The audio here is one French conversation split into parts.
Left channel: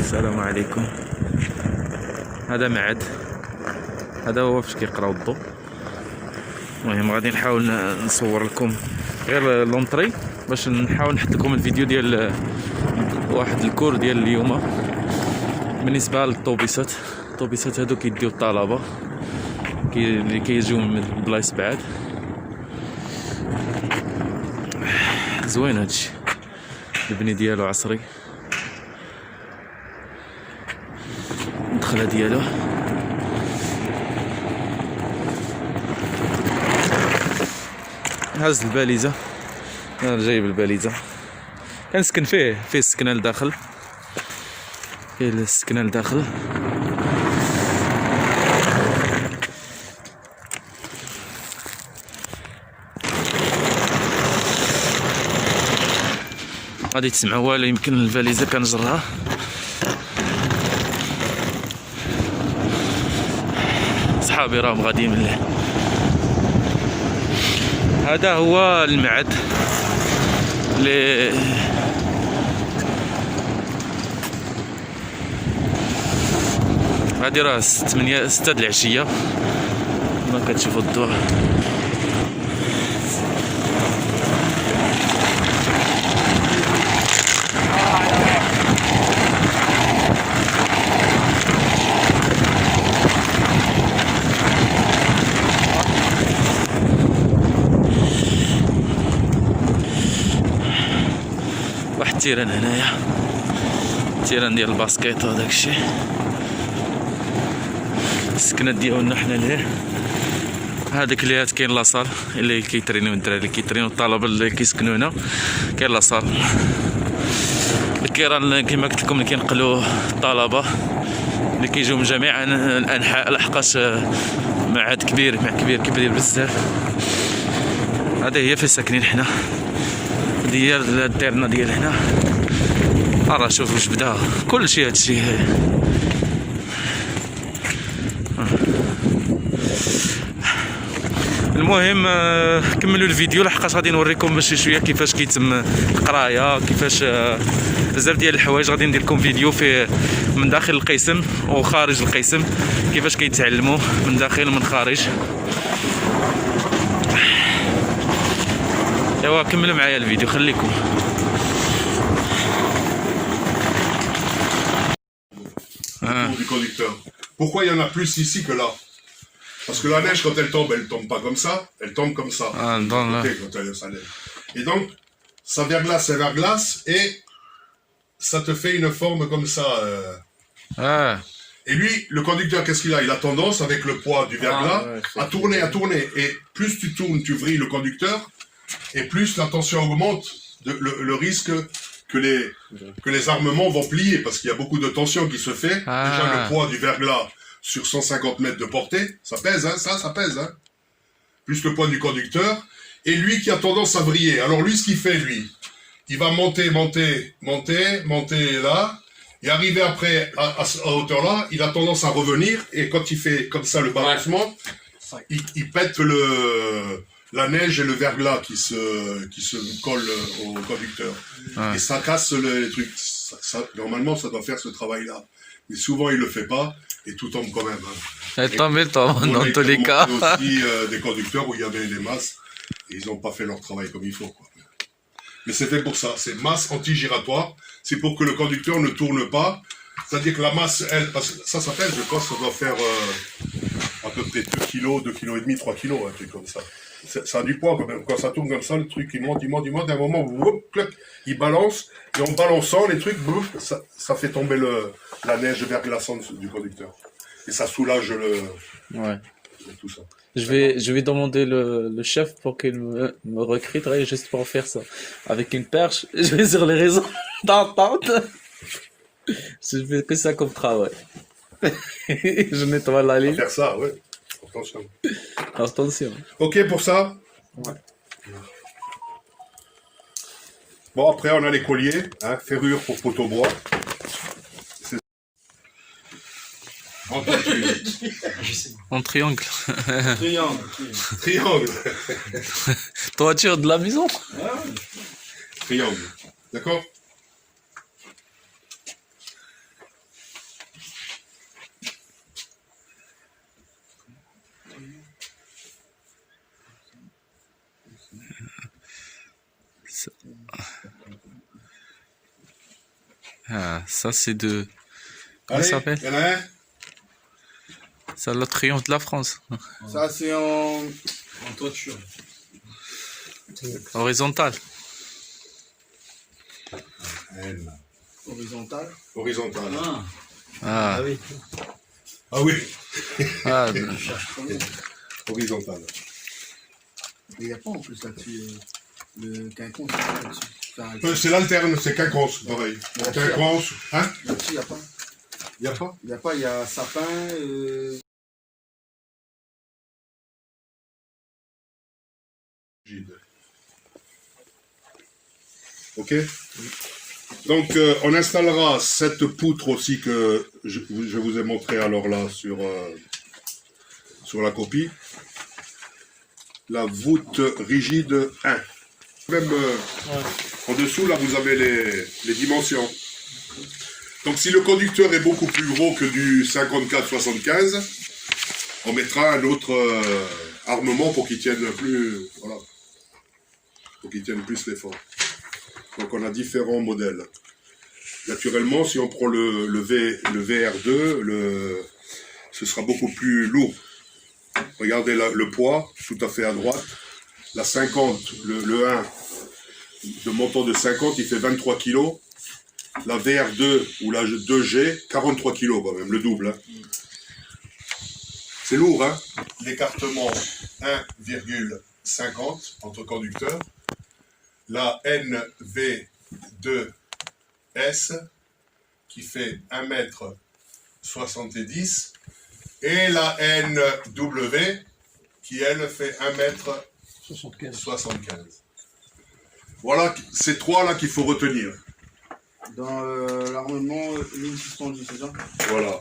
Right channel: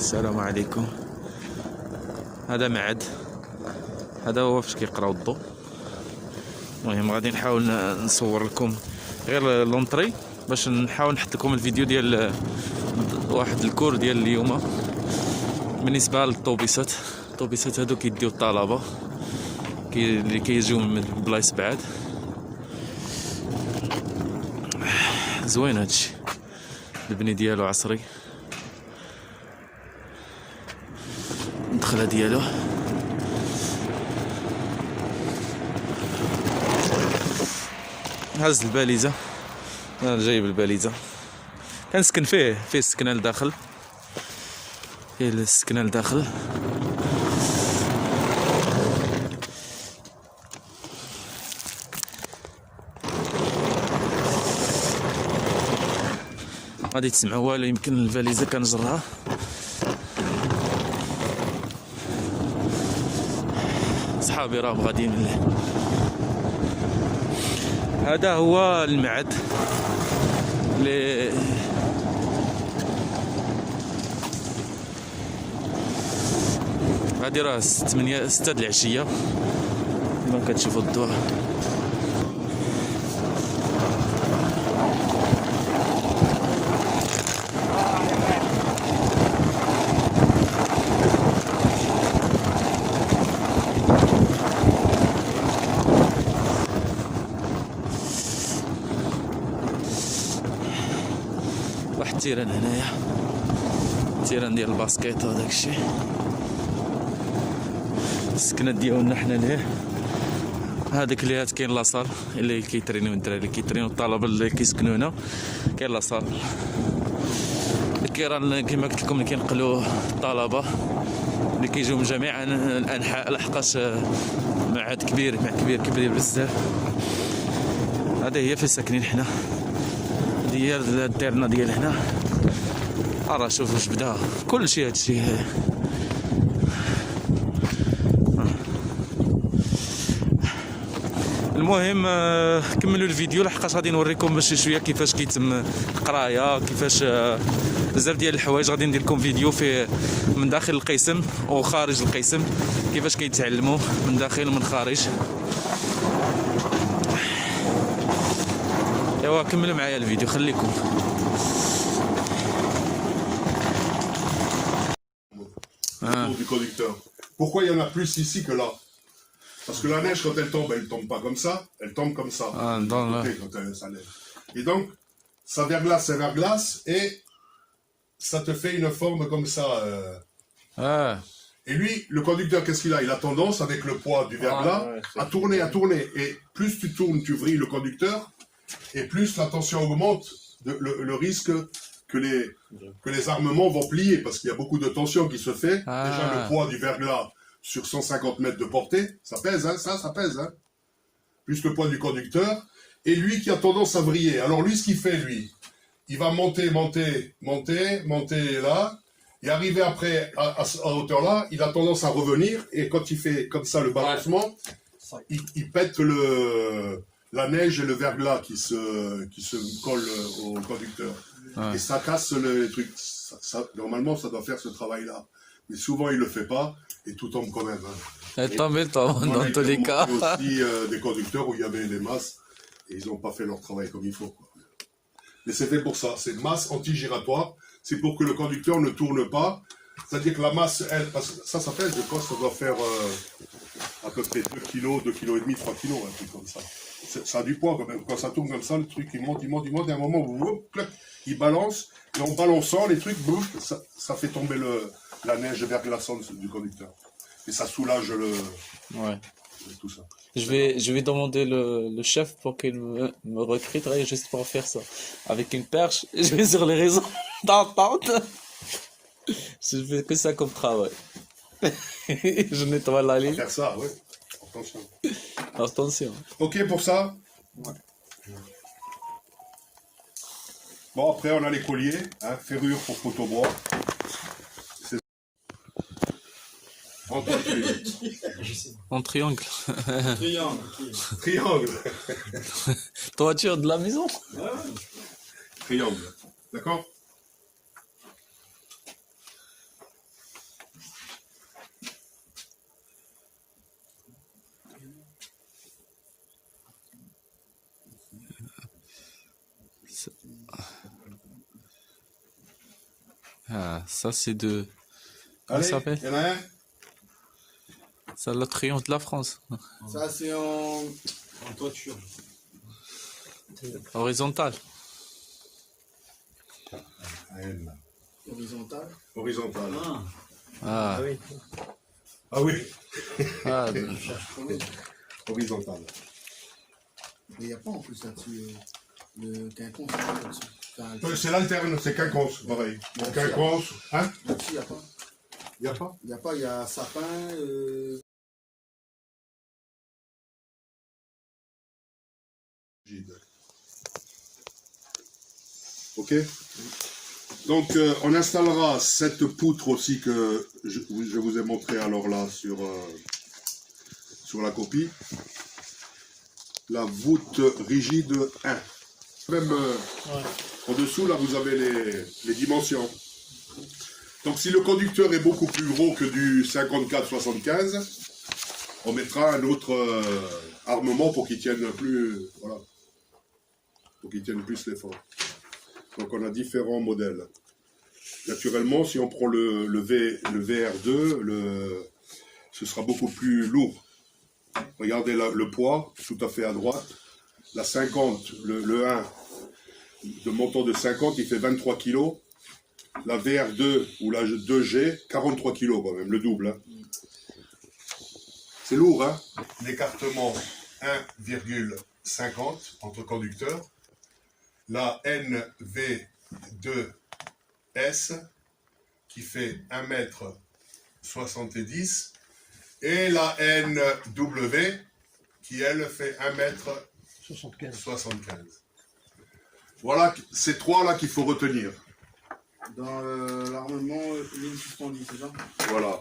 السلام عليكم. هذا معد، هذا هو فاش كيقراو الضوء. المهم غادي نحاول نصور لكم غير لونطري باش نحاول نحط لكم الفيديو ديال واحد الكور ديال اليوم بالنسبه للطوبيسات. الطوبيسات هادو كيديو الطلبه اللي كيجيو من بلايص بعاد. زوين هادشي، البني ديالو عصري، الدخله ديالو هاز الباليزه. انا جايب الباليزه، كنسكن فيه السكنه لداخل، فيه السكنه لداخل. غادي تسمعوا والو، يمكن الفاليزه كنجرها. صحابي راهم غاديين من الليل. هذا هو المعد اللي هادي راه 6 د العشيه. ما كتشوفوا الضوء. واحد التيران هنايا، التيران ديال الباسكيت وداك الشيء. السكنات ديالنا حنا لهيه. هذاك اللي كاين لاصال اللي كيترينيو الدراري، اللي كيترينيو الطلبه اللي كيسكنوا هنا. كاين لاصال الكيران كما قلت لكم اللي كينقلوا الطلبه اللي كيجيو من جميع الانحاء، لحقاش معهد كبير كبير بزاف. هذه هي فين ساكنين حنا، هذه هي الديرنا ديال هنا. راه شوف واش بدا كلشي هادشي. المهم كملوا الفيديو لحقاش غادي نوريكم شي شويه كيفاش كيتم القرايه، كيفاش بزاف ديال الحوايج. غادي ندير لكم فيديو فيه من داخل القسم وخارج القسم، كيفاش كيتعلموا من داخل ومن خارج. ايوا كملوا معايا الفيديو، خليكم. Du conducteur. Pourquoi il y en a plus ici que là? Parce que la neige, quand elle tombe pas comme ça, elle tombe comme ça. Ça neige. Et donc, ça verglace et ça te fait une forme comme ça. Et lui, le conducteur, qu'est-ce qu'il a? Il a tendance, avec le poids du verglas, à tourner. Et plus tu tournes, tu vrilles le conducteur, et plus la tension augmente, le risque que les armements vont plier, parce qu'il y a beaucoup de tension qui se fait. Déjà, le poids du verglas sur 150 mètres de portée, ça pèse, hein, ça pèse, hein. Plus le poids du conducteur, et lui qui a tendance à vriller. Alors lui, ce qu'il fait, lui, il va monter là, et arriver après à hauteur là, il a tendance à revenir, et quand il fait comme ça le balancement, il pète la neige et le verglas qui se colle au conducteur. Et ça casse les trucs. Normalement, ça doit faire ce travail-là. Mais souvent, il le fait pas, et tout tombe quand même. Hein. Dans tous les cas. Il y a aussi des conducteurs où il y avait les masses, et ils n'ont pas fait leur travail comme il faut, quoi. Mais c'est fait pour ça. C'est masse anti-giratoire. C'est pour que le conducteur ne tourne pas. C'est-à-dire que la masse, elle, parce que ça pèse, je pense que ça doit faire à peu près 2 kg, 2,5 kg, 3 kg, un truc comme ça. Ça a du poids quand même. Quand ça tourne comme ça, le truc il monte, et à un moment, il balance, et en balançant, les trucs bougent, ça fait tomber la neige verglaçante du conducteur. Et ça soulage tout ça. Je vais demander le chef pour qu'il me recrute juste pour faire ça. Avec une perche, je vais sur les réseaux d'entente. Je fais que ça comme travail. Je nettoie la ligne. Faire ça, ouais. Attention. Attention. Ok pour ça? Ouais. Bon, après on a les colliers, hein, ferrure pour poteau bois. En triangle. Triangle. Toiture de la maison. Triangle. D'accord? Ah, ça c'est de... Comment ça Allez, s'appelle? il y en a un. C'est le triomphe de la France. Ça, c'est en toiture. Horizontal. N. Horizontale. Horizontale. Ah, oui. Ah oui, ah, horizontale. Il n'y a pas en plus là-dessus le quinconce là-dessus. Enfin, C'est l'alterne, c'est quinconce, pareil. Merci. Quinconce, hein? là-dessus, il n'y a pas. Il n'y a pas? Il n'y a pas, il y a sapin. Ok. Donc on installera cette poutre aussi que je vous ai montré alors là sur la copie. La voûte rigide 1. Même en dessous là vous avez les dimensions. Donc si le conducteur est beaucoup plus gros que du 54-75, on mettra un autre armement pour qu'il tienne plus, voilà, pour qu'il tienne plus l'effort. Donc on a différents modèles. Naturellement, si on prend le VR2, ce sera beaucoup plus lourd. Regardez le poids, tout à fait à droite. La 50, le 1, de montant de 50, il fait 23 kg. La VR2 ou la 2G, 43 kg quand même, le double. Hein. C'est lourd, hein. L'écartement 1,50 entre conducteurs. La NV2S qui fait 1,70 m et la NW qui elle fait 1,75 m. Voilà ces trois là qu'il faut retenir. Dans l'armement, ligne suspendue, c'est ça? Voilà.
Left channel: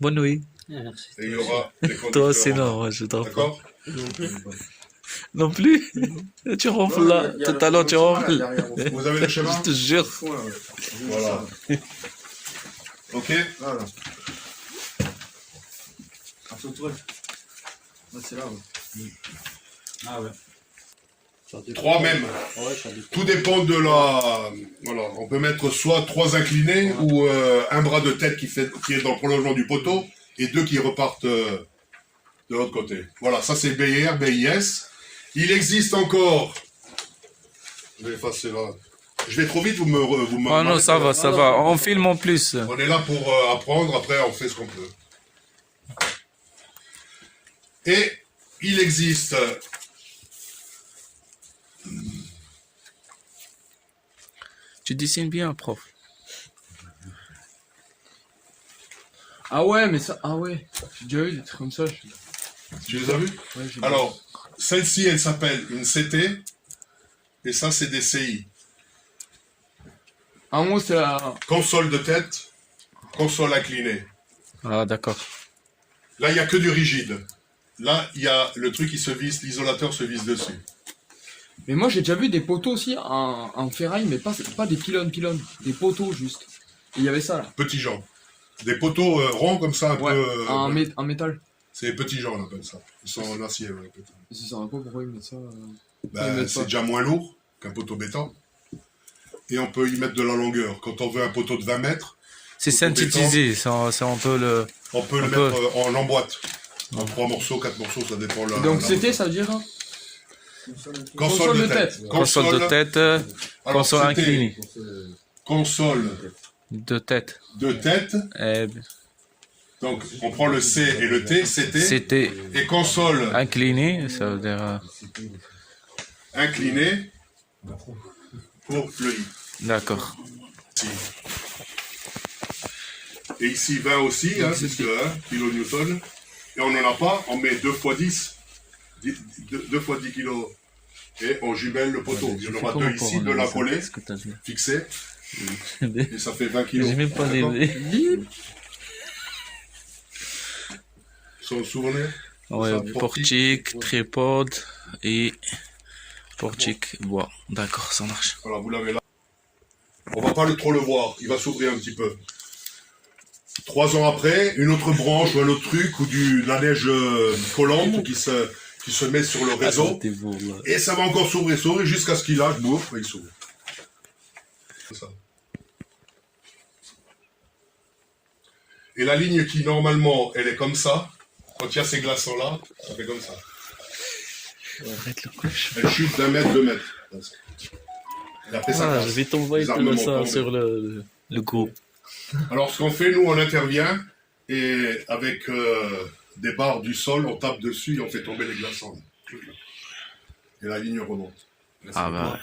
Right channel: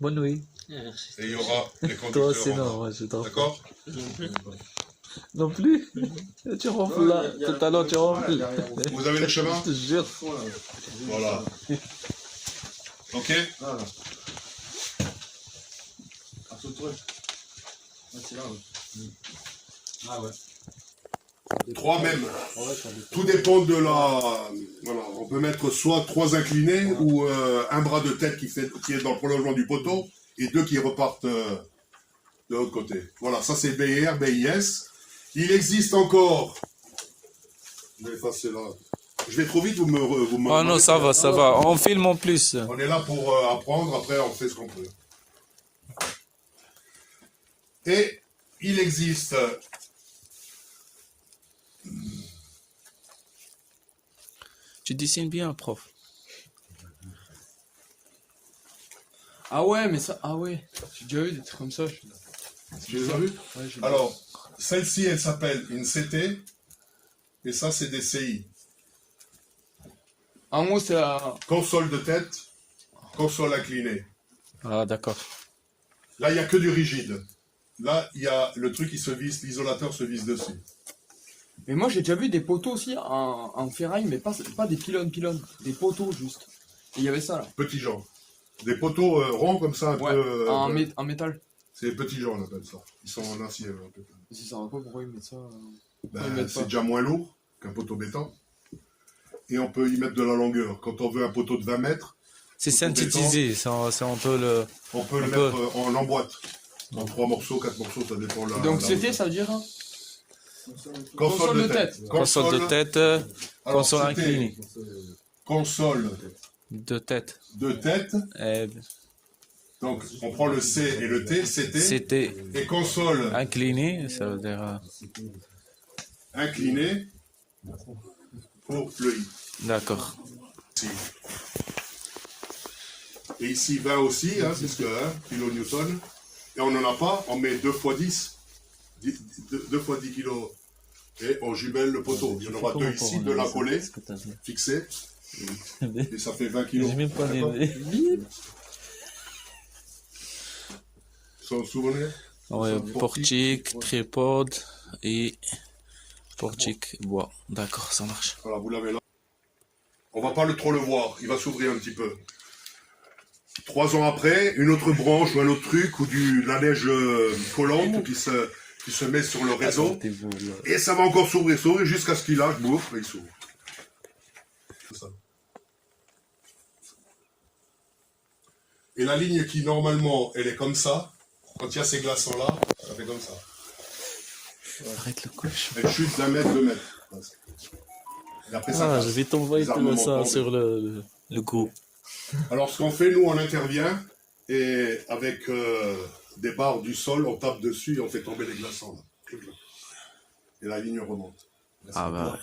bonne nuit. Et il y aura les conducteurs. Toi c'est en bas. non, je dors pas. D'accord? Non plus. Tu ronfles là. Tout à l'heure tu ronfles. Vous avez le chemin? Je te jure. Voilà. Ok? Voilà. À ce tour. C'est là, ouais. Ah ouais. 3 même. Tout dépend de la... Voilà, on peut mettre soit 3 inclinés ou un bras de tête qui est dans le prolongement du poteau et 2 qui repartent de l'autre côté. Voilà, ça c'est BIR, BIS. Il existe encore... Je vais effacer là. Je vais trop vite, vous me Ah non, ça va, ça va. On filme en plus. On est là pour apprendre, après on fait ce qu'on peut. Et il existe... Tu dessines bien, prof. Ah ouais, mais ça. Ah ouais, j'ai déjà eu des trucs comme ça. Tu les as vus? Ouais, j'ai Alors, celle-ci, elle s'appelle une CT, et ça, c'est des CI. En haut, c'est la. Console de tête, console inclinée. Ah, d'accord. Là, il n'y a que du rigide. Là, il y a le truc qui se visse, l'isolateur se visse dessus. Mais moi, j'ai déjà vu des poteaux aussi en ferraille, mais pas des pylônes. Des poteaux juste. Et il y avait ça là. Petits gens. Des poteaux ronds comme ça, un Ouais, peu... en métal. C'est petits gens, on appelle ça. Ils sont en acier. Ouais, peut-être. Si ça va pas, pourquoi ils mettent ça Ben, c'est déjà moins lourd qu'un poteau béton. Et on peut y mettre de la longueur. Quand on veut un poteau de 20 mètres, C'est synthétisé, c'est un peu le... on peut le mettre en emboîte. En 3 morceaux, 4 morceaux, ça dépend. Donc c'était, ça veut dire hein Console de tête. console de tête, Alors, console c'était inclinée. Console De tête. de tête. Et Donc, on prend le C et le T, CT. c'était Et console incliné, ça veut dire... inclinée pour le I. D'accord. Ici. Et ici 20 aussi, hein, c'est ce que kN. Et on n'en a pas, on met 2 x 10. 2 x 10 kg. Et on jumelle le poteau. Il y en aura 2 ici, 2 là collés, fixés. Et ça fait 20 kg. J'ai même pas les... Vous vous souvenez? Ouais, portique, tripode et portique bois. D'accord, ça marche. Voilà, vous l'avez là. On va pas trop le voir, il va s'ouvrir un petit peu. 3 ans après, une autre branche ou un autre truc, ou de la neige collante qui qui se met sur le réseau. Attendez-vous, là. Et ça va encore s'ouvrir jusqu'à ce qu'il lâche, boum, et il s'ouvre. C'est ça. Et la ligne qui, normalement, elle est comme ça, quand il y a ces glaçons-là, ça fait comme ça. Arrête le couche. Elle chute d'1 mètre, 2 mètres. Presque. Et après, ça Ah, casse. je vais t'envoyer Les tout armements ça tombent. sur le groupe. Alors, ce qu'on fait, nous, on intervient, et avec des barres du sol, on tape dessus et on fait tomber les glaçons. Là. Et la ligne remonte. Là, Ah c'est bah. quoi